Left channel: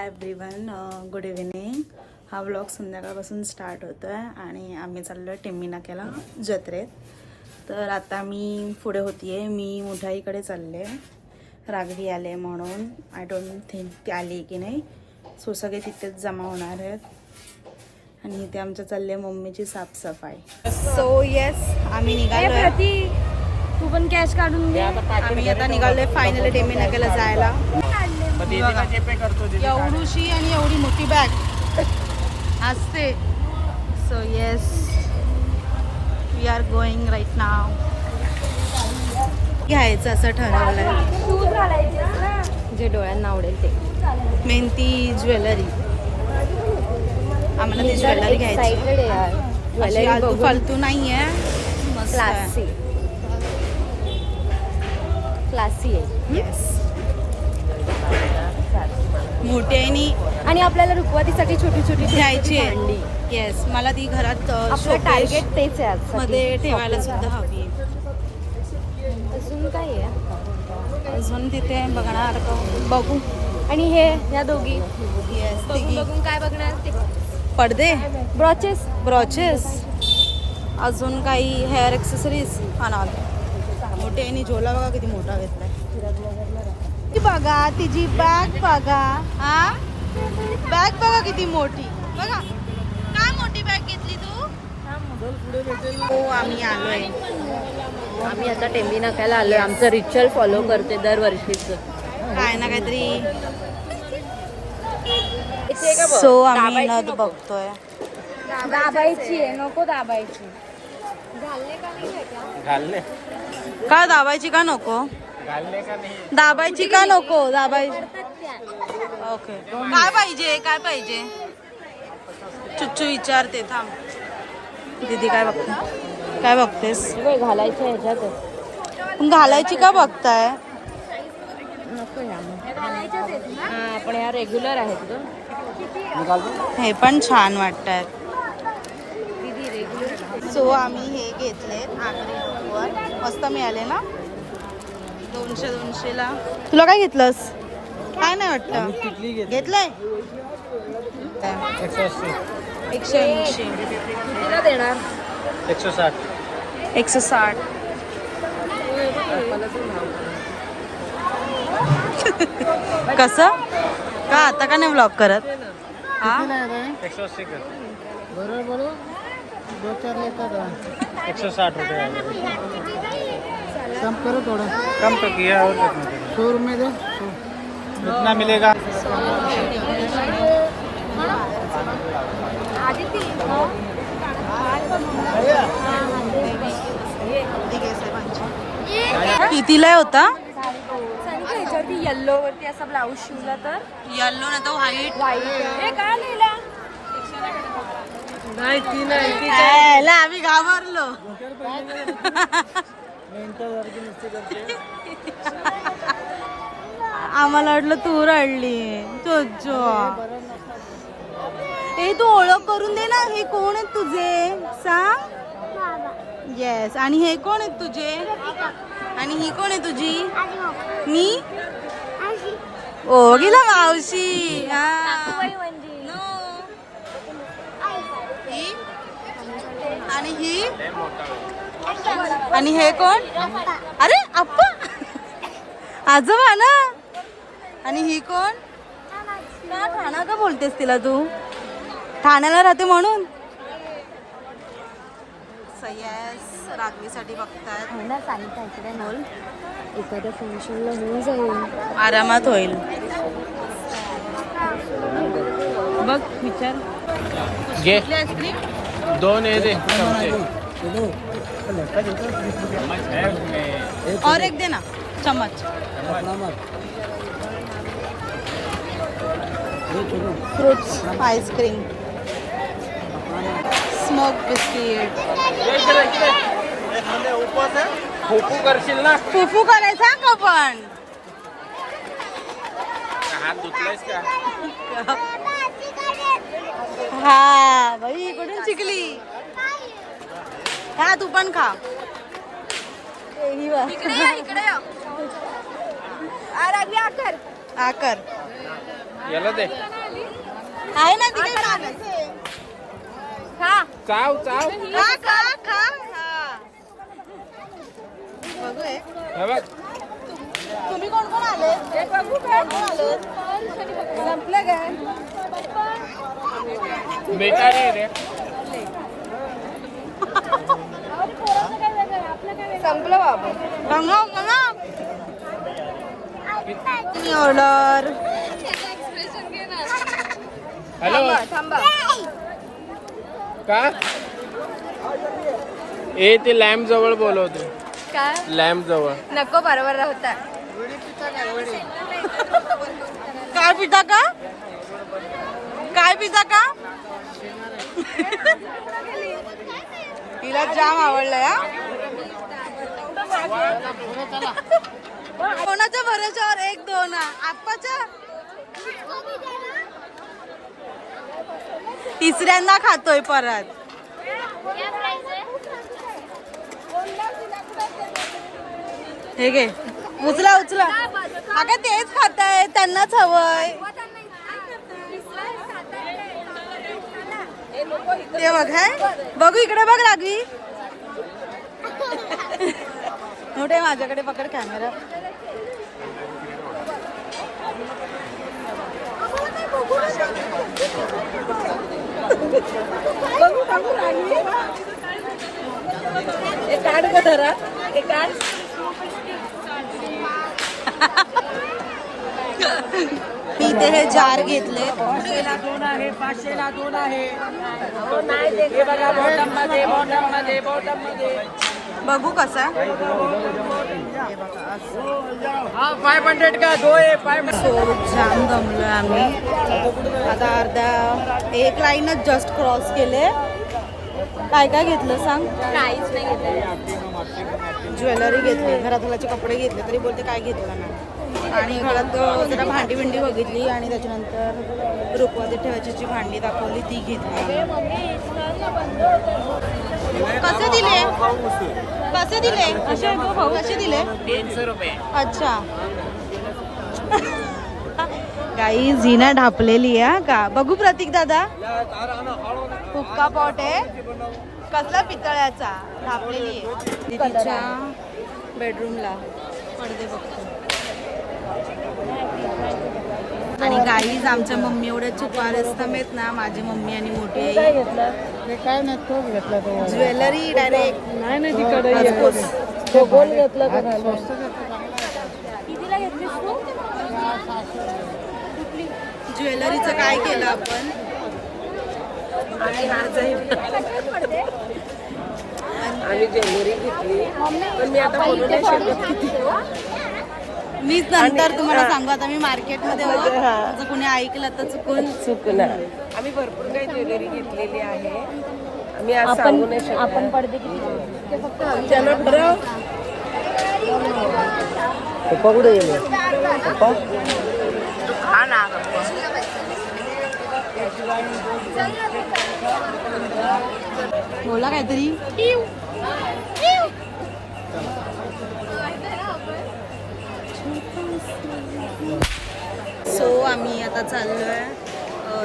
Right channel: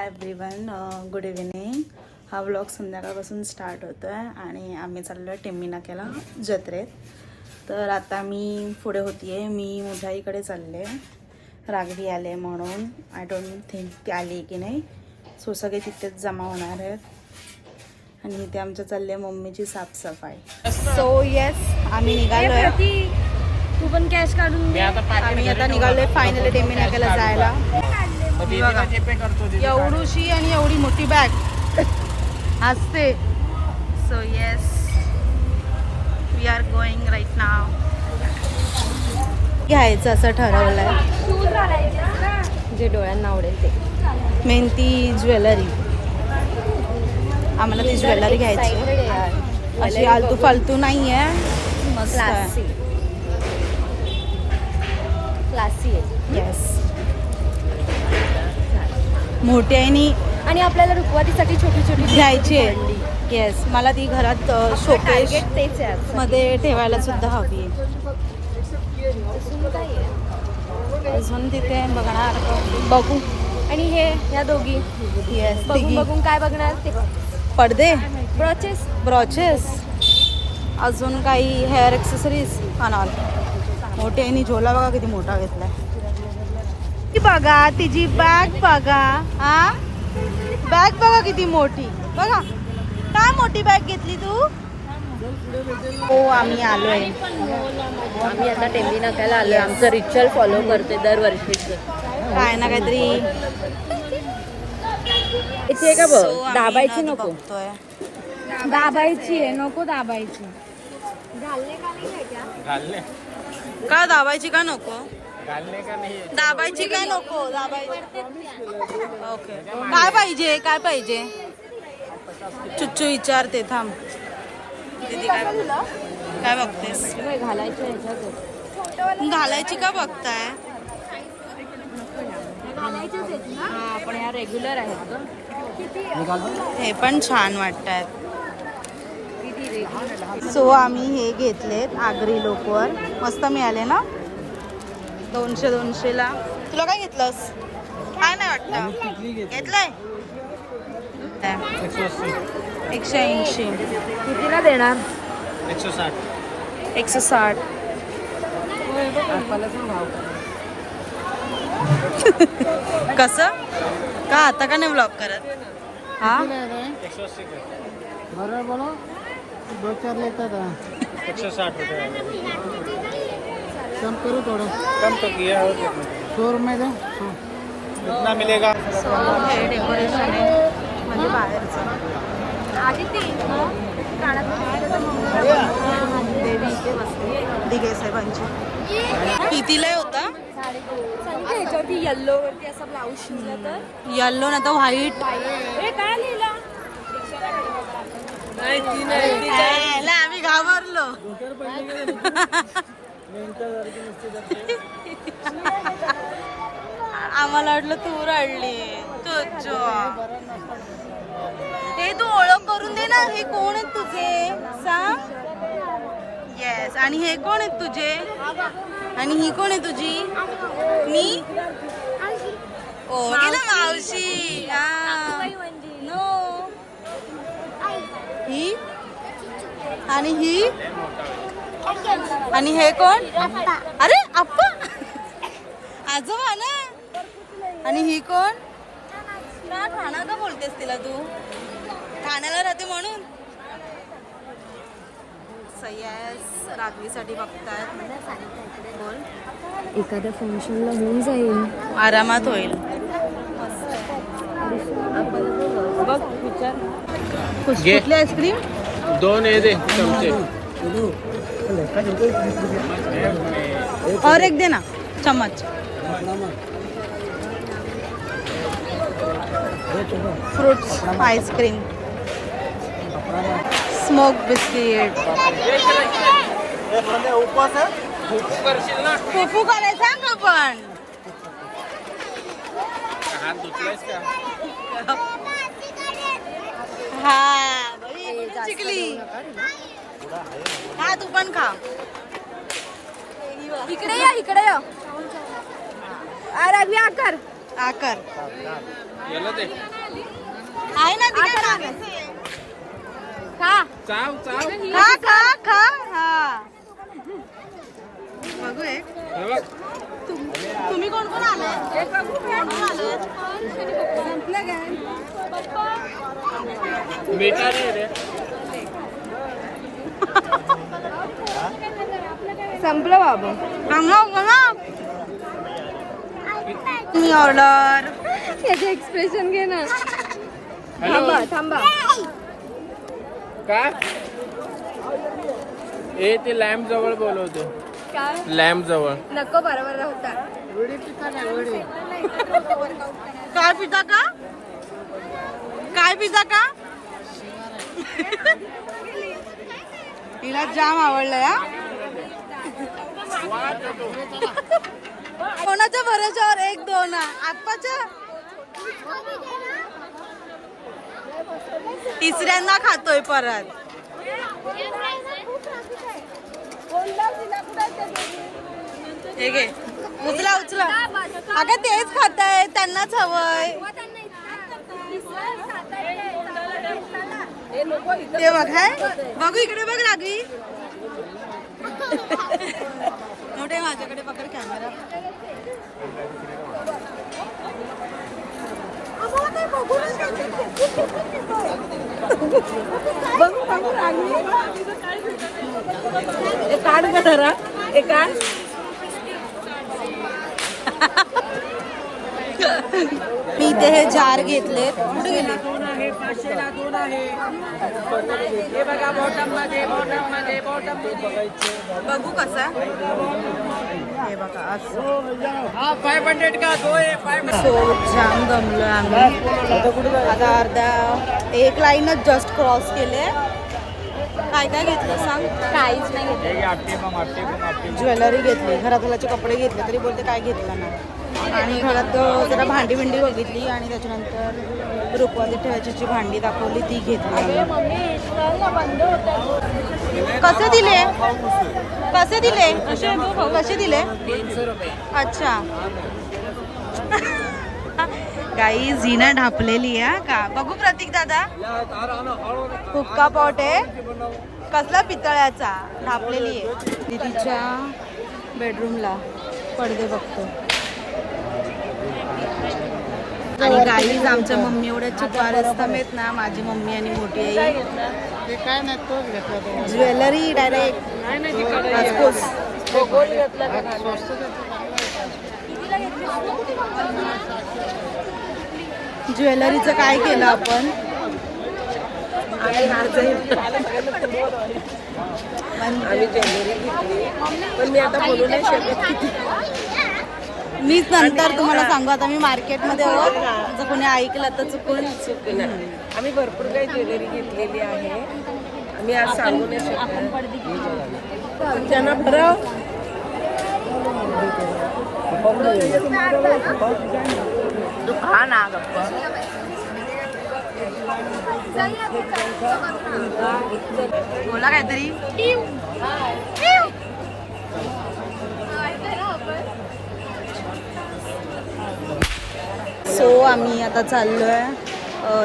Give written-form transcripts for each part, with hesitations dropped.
Hi everyone, good evening. हा vlog संध्याकाळपासून start होतो आहे आणि आम्ही चाललो आहे टेंबी नाक्याला जत्रेत. तर आता मी पुढे होती आहे, मी मुधाईकडे चालले. रागवी आले म्हणून आय डोंट थिंक ती आली की नाही. सो सगळे तिथेच जमा होणार आहेत आणि इथे आमच्या चालली आहे मम्मीची साफसफाई. सो येस, आम्ही निघालो आहे. तू पण कॅश काढून दे. आम्ही आता निघालोय फायनली टेंबी नाक्याला जायला. एवढीशी आणि एवढी मोठी बॅग असते. So yes, we are going right now. घ्यायचं असं ठरवलंय, जे डोळ्यांना आवडेल ते. मेहनती ज्वेलरी. आम्हाला ती ज्वेलरी घ्यायची आहे, अशी आलतू फालतू नाही आहे, मस्त आहे, क्लासी आहे. येस. मोठी आहे आणि आपल्याला रुखवातीसाठी छोटी छोटी घ्यायची आहे. येस, मला ती घरात शोकेस तेच आहे. मध्ये ठेवायला सुद्धा हवी. अजून काय आहे? अजून तिथे बघणार का, बघू. आणि हे या दोघी येस, बघून बघून काय बघणार ते पडदे, ब्रॉचेस. ब्रॉचेस, अजून काही हेअर एक्सेसरीज आणा. मोठी आणि झोला बघा किती मोठा घेतला. ती बघा, तिची बॅग बघा. हा, बॅग बघा किती मोठी. बघा काय मोठी बॅग घेतली तू. हो, आम्ही आलोय. आम्ही आता टेंबी नाक्याला आलोय. आमचं रिच्युअल फॉलो करते दरवर्षीच. काय ना काहीतरी. सो आम्ही नथ बघतोय. दाबायची आहे, नको दाबायची. का दाबायची का नको. दाबायची का नको. दाबायची. ओके, काय पाहिजे, काय पाहिजे. चुच्चू विचारते, थांब. दीदी काय बघते, काय बघतेस. घालायची ह्याच्यात. घालायची का बघताय. आपण या रेग्युलर आहेत. हे पण छान वाटतात. सो आम्ही हे घेतलेत आगरी लोकवर, मस्त मिळाले ना. 200 ला. तुला काय घेतलंस. काय नाही वाटलं घेतलंय. 180. कितीला देणार. 160. कसं का आता का नाही ब्लॉक करत. हा, बरोबर बोलो. 2-4 लेकर 160 रुपये. कम करो थोड़ा. कम तो किया और 100 रुपये दो. 100 कितना मिलेगा. डेकोरेशन आहे म्हणजे बाहेरचं. दिघे साहेबांची कितीला होता. ह्याच्यावरती येल्लो वरती असा ब्लाऊज शिवला तर. येल्लो ना तर व्हाईट. हे काय लिहिला. आम्ही घाबरलो. आम्हाला वाटलं तू रडली. तुझो हे तू ओळख करून दे ना. हे कोण आहेत तुझे सांग. येस, आणि हे कोण आहेत तुझे. आणि ही कोण आहे तुझी. मी ओ गेला मावशी. हा, नो. ही आणि ही आणि हे कोण. अरे आप्पा, आजोबा ना. आणि ही कोण. ना ठाणा तर बोलतेस तिला तू. ठाण्याला राहते म्हणून. सय्यास रागवीसाठी बघतायत. बोल. एखाद्या फंक्शनला घेऊन जाईल. आरामात होईल. बघ विचार. कुठली आईस्क्रीम. 2 दे. और एक दे ना चम्मच. Fruits ice cream, smoke biscuit. फुफू करायचा का पण. हा बाई, इकडून शिकली. हा, तू पण खा. इकडे या. आकर. आकर. याला दे आहे ना ती काय मागायचं चाव चाव खा खा खा हा बघू एक हा बघ तुम्ही कोण कोण आले कोण कोण आले संपलं काय बेटा नाही रे संपलं बाबा. मी ऑर्डर त्याचं एक्सप्रेशन घे ना. हॅलो थांबा. का ए ते लॅम्प जवळ बोलवते काय लॅम्प जवळ नको बरोबर होता. काय पिता का काय पिता का तिला जाम आवडलंय हा कोणाच्या भरोश्यावर 1-2 आप्पाच्या तिसऱ्यांदा खातोय परत हे घे उचला उचला अगं तेच खाताय त्यांनाच हवंय ते बघ हाय बघू इकडे बघ लागली मोठे माझ्याकडे पकड कॅमेरा बघू बघू लागली एक काढ का धरा एक काढ मी ते हे जार घेतले बघू कसं आहे हे बघा असं 500 का दो सो जाम दमलोय आम्ही आता अर्धा एक लाईनच जस्ट क्रॉस केले काय काय घेतलं सांग काहीच नाही घेतलं. ज्वेलरी घेतली घरातल्याचे कपडे घेतले तरी बोलते काय घेतलं ना आणि घरात जरा भांडी बिंडी बघितली आणि त्याच्यानंतर रुखवाती ठेवायची जी भांडी दाखवली ती घेतली आम्ही कसे दिले कसे दिले कसे दिले 300 रुपये अच्छा काही झिना ढापलेली आहे का बघू प्रतीक दादा हुक्का पॉट आहे कसला पितळ्याचा ढापलेली आहे दीदीच्या बेडरूमला पडदे बघतो आणि गाईज आमच्या मम्मी एवढ्या चुपारस्तम आहेत ना माझी मम्मी आणि मोठी आई ज्वेलरी डायरेक्ट ज्वेलरीचं काय केलं आपण आम्ही ज्वेलरी घेतली पण मी आता बोलू नाही शकत किती. मीच नंतर तुम्हाला सांगू आता मी मार्केटमध्ये आहोत जर कोणी ऐकलं तर चुकून आम्ही भरपूर काही ज्वेलरी घेतलेली आहे आम्ही आज सांगू नाही शकत त्यांना बरं तू खा ना गप्पा बोला काहीतरी सो आम्ही आता चाललोय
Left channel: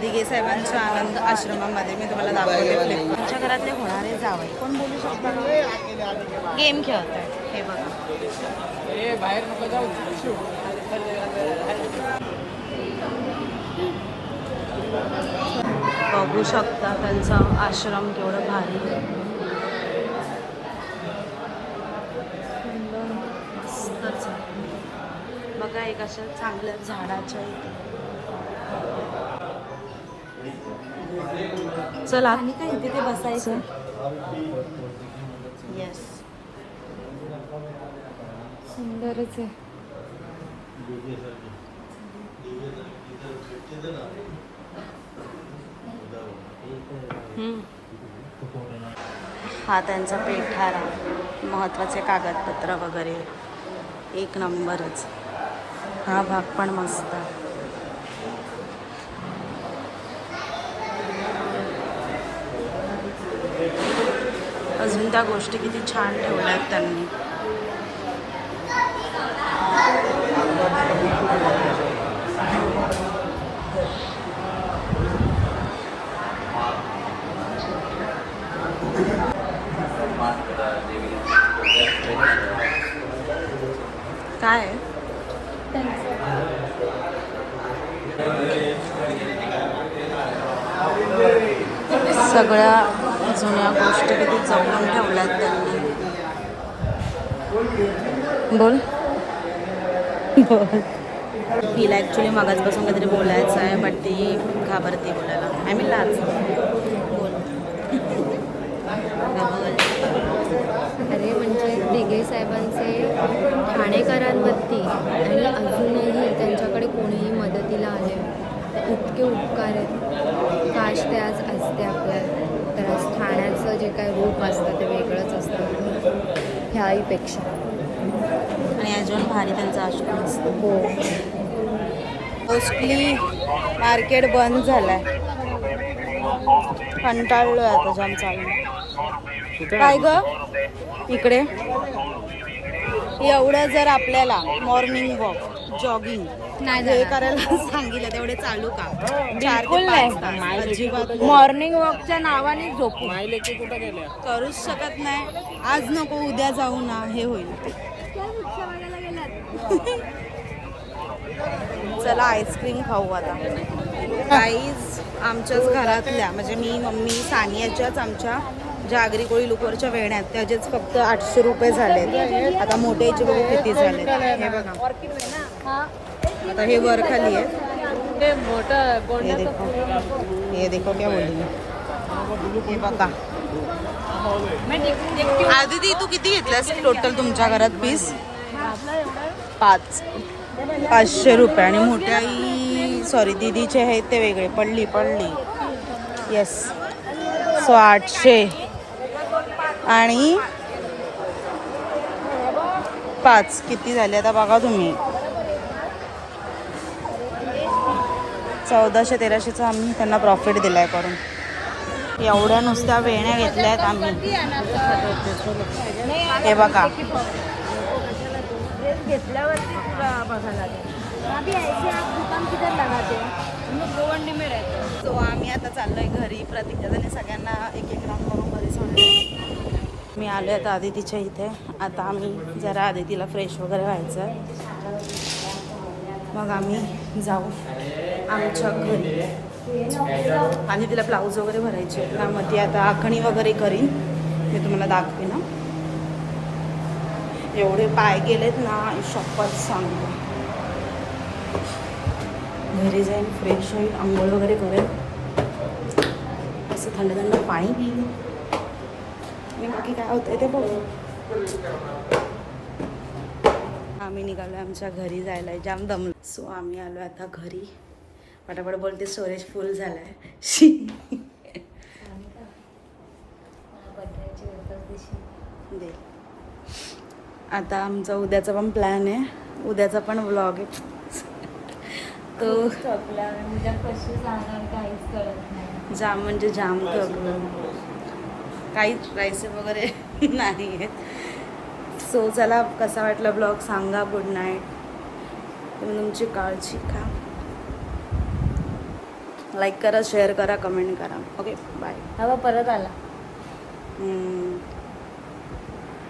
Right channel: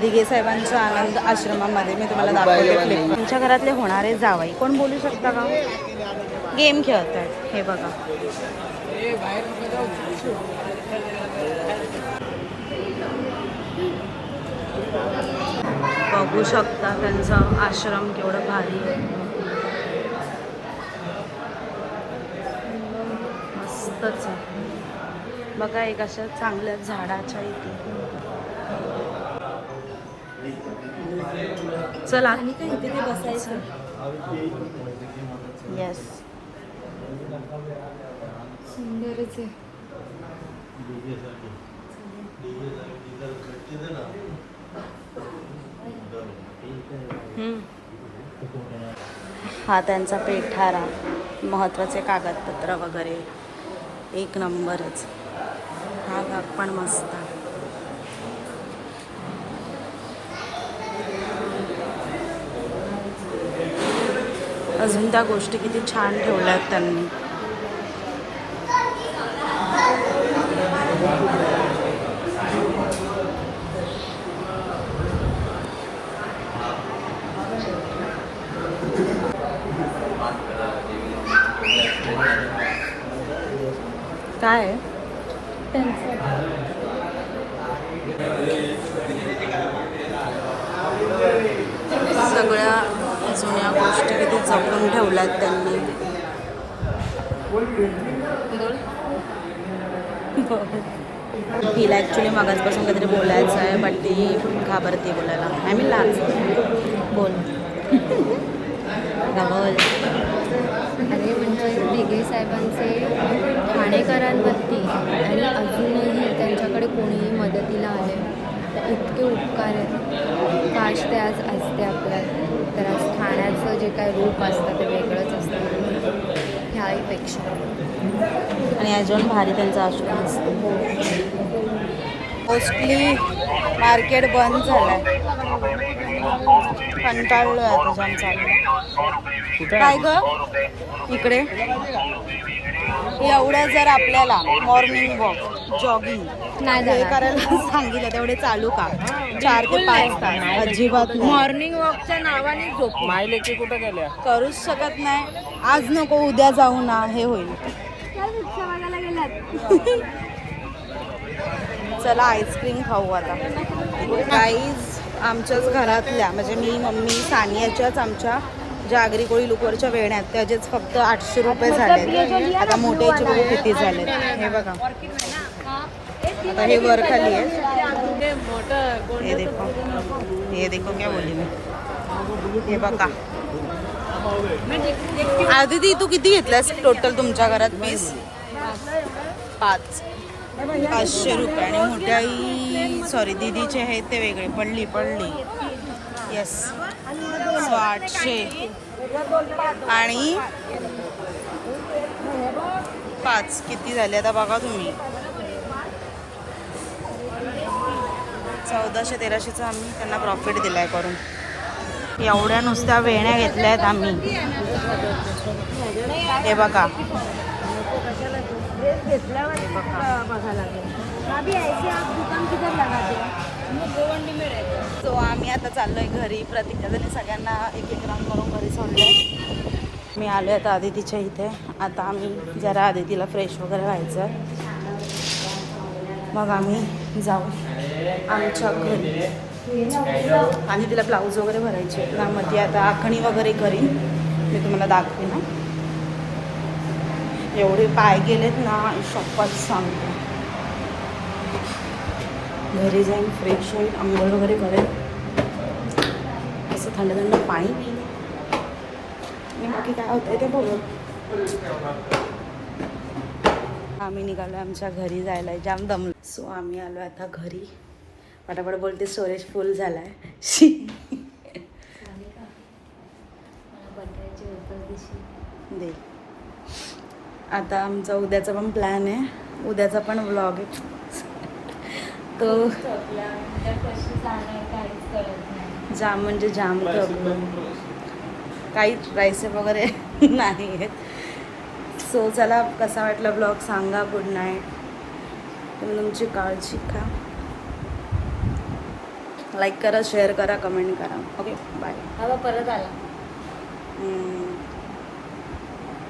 दिघे साहेबांच्या आनंद आश्रमामध्ये मी तुम्हाला दाखवते फ्लिप त्यांच्या घरातले होणारे जावई कोण बोलू शकता का गेम खेळत आहेत हे बघा बघू शकता त्यांचा आश्रम केवढं भारी आहे मस्तच आहे बघा एक अशा चांगल्या झाडाच्या इथे चला आणि काय इथे ते बसायचं येस सुंदरच आहे हा त्यांचा पेठारा महत्त्वाचे कागदपत्र वगैरे एक नंबरच हा भाग पण मस्त अजून त्या गोष्टी किती छान ठेवल्यात त्यांनी काय आहे? सगळ्या जुन्या गोष्टी किती जपून ठेवल्यात त्यांनी. बोल. तिला ॲक्च्युली मगाचपासून काहीतरी बोलायचं आहे बट ती घाबरते बोलायला. आय मीन लाज. बोल. अरे म्हणजे दिघे साहेबांचे ठाणेकरांवरती आणि अजूनही त्यांच्याकडे कोणीही मदतीला आले तर इतके उपकार आहेत. काश ते आज असते आपल्या, तर आज ठाण्याचं जे काय रूप असतं ते वेगळंच असतं ह्याहीपेक्षा. आणि अजून भारी त्यांचा आश्रम असतो. हो. मोस्टली मार्केट बंद झालंय. कंटाळलोय आता जाम चालू. काय ग इकडे एवढं जर आपल्याला मॉर्निंग वॉक जॉगिंग नाही करायला सांगितलं तेवढे चालू का? 4 ते 5 तास अजिबात मॉर्निंग वॉकच्या नावाने झोप करूच शकत नाही. आज नको उद्या जाऊ ना, हे होईल. चला आईस्क्रीम खाऊ आता. गाईज आमच्याच घरातल्या म्हणजे मी मम्मी सानियाच्याच आमच्या ज्या आगरी कोळी लुकवरच्या वेण्या आहेत त्याचेच फक्त 800 रुपये झालेत. आता मोठ्याचे बघू किती झालेत. हे बघा आता हे वर खाली आहे. हे देखो क्या बोलली मी. हे बघा आदिती तू किती घेतलास टोटल तुमच्या घरात पीस? 500 रुपये. आणि मोठ्या आई सॉरी दीदीचे आहेत ते वेगळे. पडली येस. सो 800 आणि 5 किती झाले आता बघा तुम्ही. 1400-1300चा आम्ही त्यांना प्रॉफिट दिलाय करून. एवढ्या नुसत्या वेण्या घेतल्या आहेत आम्ही. हे बघा घेतल्यावर बघा लागेल. सो आम्ही आता चाललोय घरी. प्रतीक्षाने सगळ्यांना एक राऊंड करून घरी सोडले. मी आलोय आता आदितीच्या इथे. आता आम्ही जरा आदितीला फ्रेश वगैरे व्हायचं आहे, मग आम्ही जाऊ आमच्या घरी. आणि तिला ब्लाऊज वगैरे भरायचे आहेत ना, मग ती आता आखणी वगैरे करी. मी तुम्हाला दाखवे ना. एवढे पाय गेलेत ना शपथ सांगते. घरी जाईन फ्रेश होईल, आंघोळ वगैरे करेल, असं थंड थंड पाणी पिईल आणि बाकी काय होतंय ते बघू. आम्ही निघालो आमच्या घरी जायला. जाम दमलो. सो आम्ही आलो आता घरी. पटापट बोलते स्टोरेज फुल झालाय. दे. आता आमचा उद्याचा पण प्लॅन आहे. उद्याचा पण व्लॉग आहे तो. जाम म्हणजे जाम थकलो. काहीच रायसे वगैरे नाही आहेत. सो चला कसा वाटला ब्लॉग सांगा. Good night. तुम्ही तुमची काळजी घ्या. लाईक करा, शेअर करा, कमेंट करा. Okay bye. परत आला.